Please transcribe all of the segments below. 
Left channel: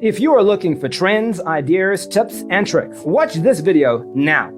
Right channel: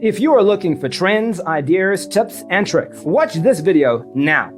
If you are looking for trends, ideas, tips, and tricks, watch this video now.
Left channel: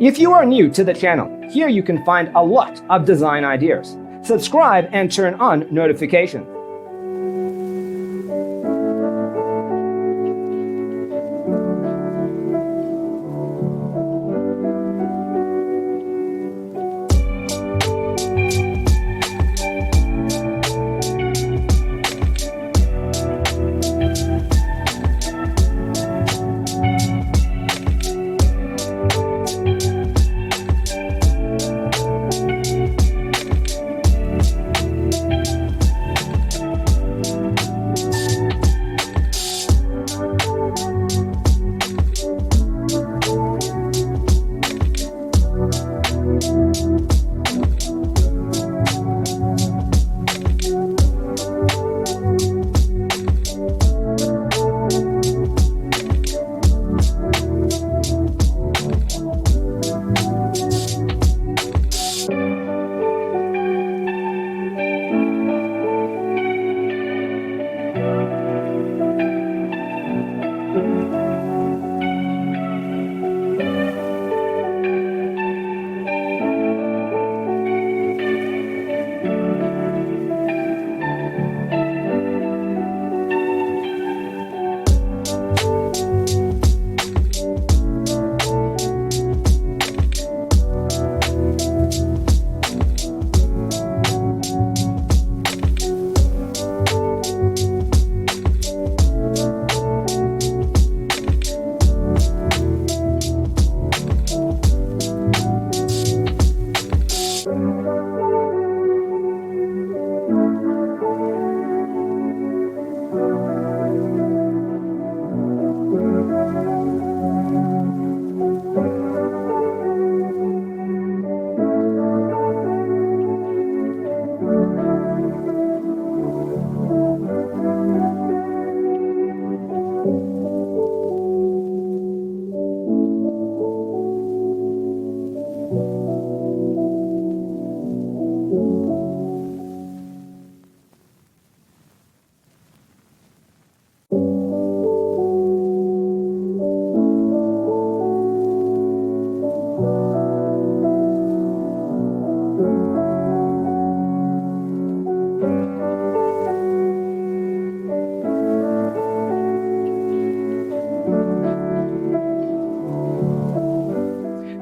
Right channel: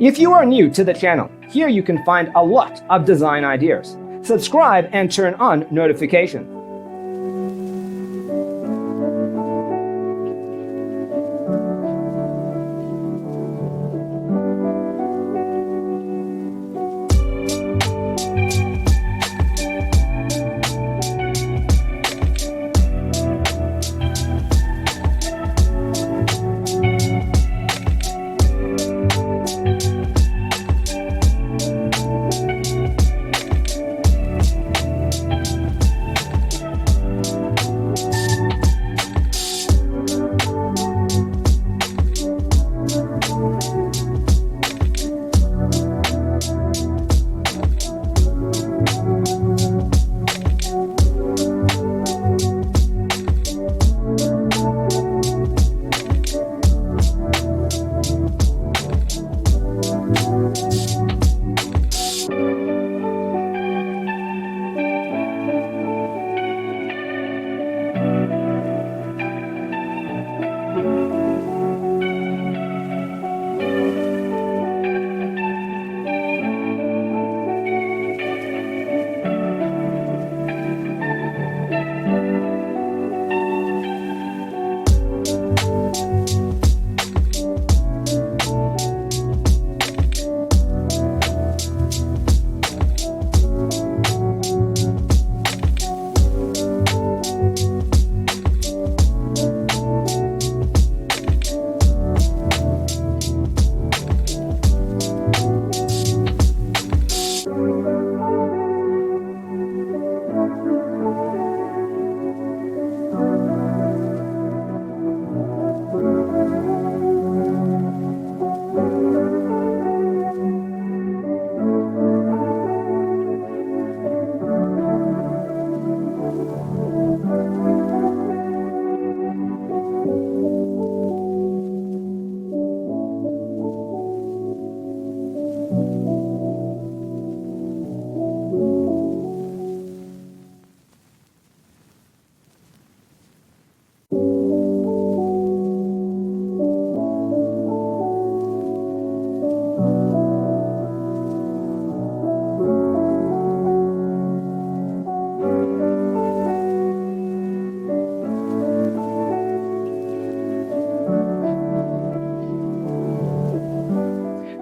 If you are new to the channel, here you can find a lot of design ideas. Subscribe and turn on notifications.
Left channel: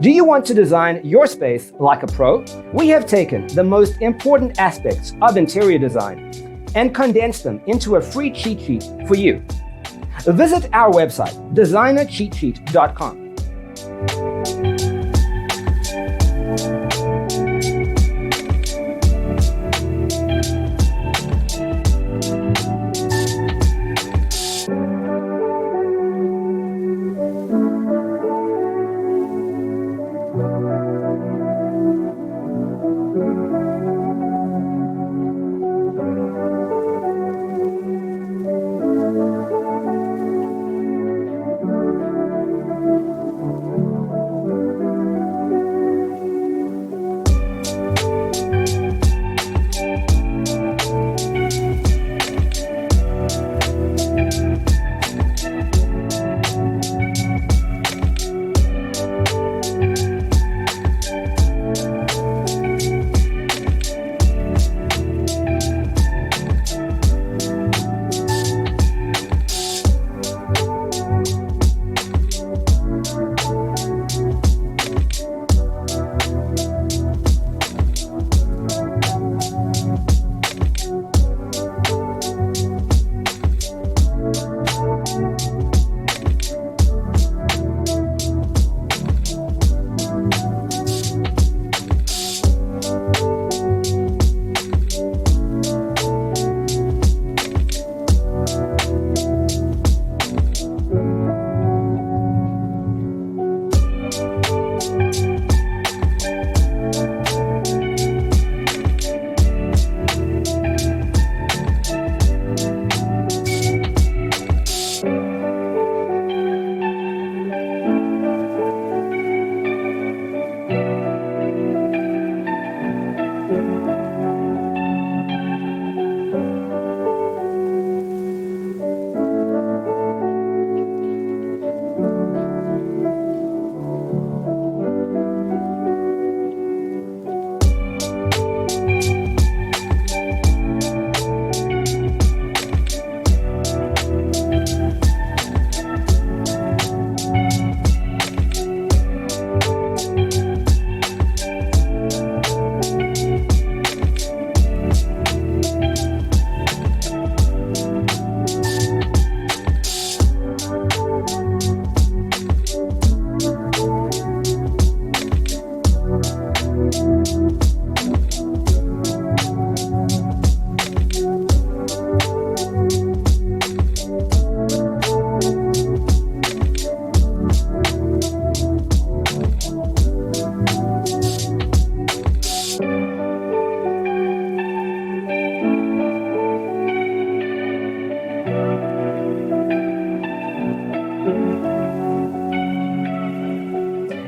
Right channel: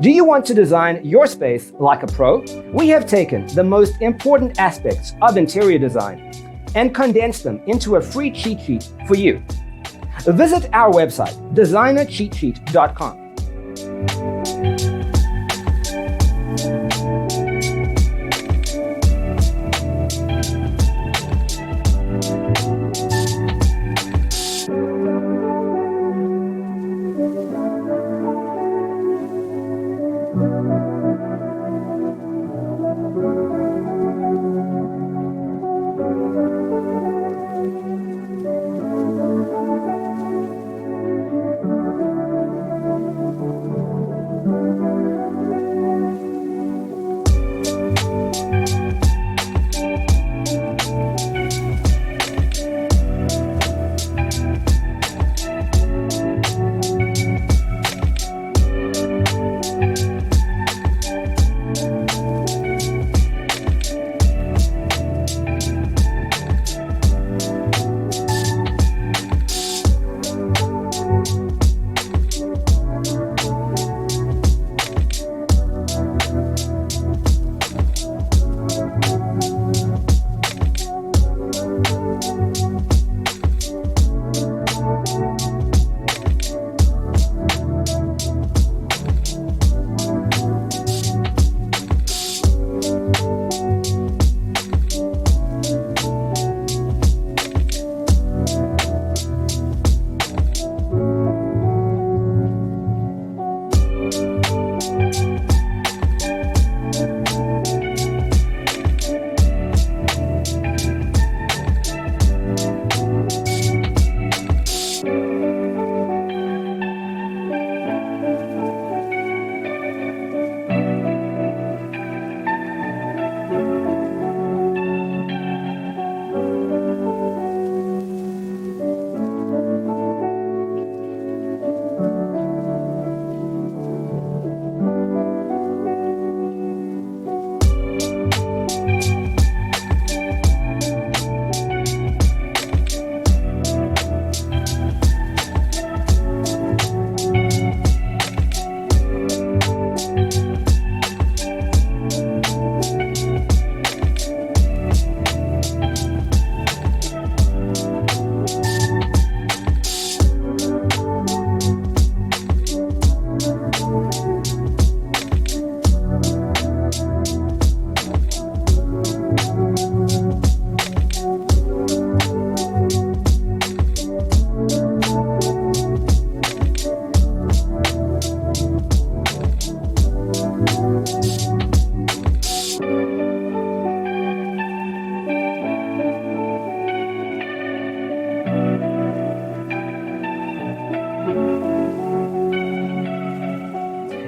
Do you want to design your space like a pro? We have taken the most important aspects of interior design and condensed them into a free cheat sheet for you. Visit our website, designercheatsheet.com.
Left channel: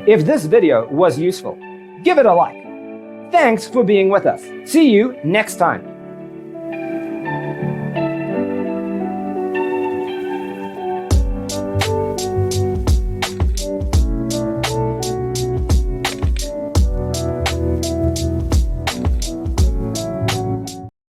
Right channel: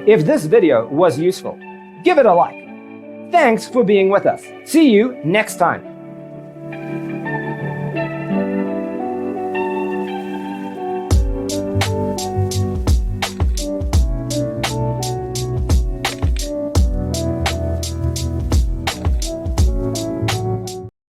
If this video was useful, give it a like. Thanks for being with us. See you next time.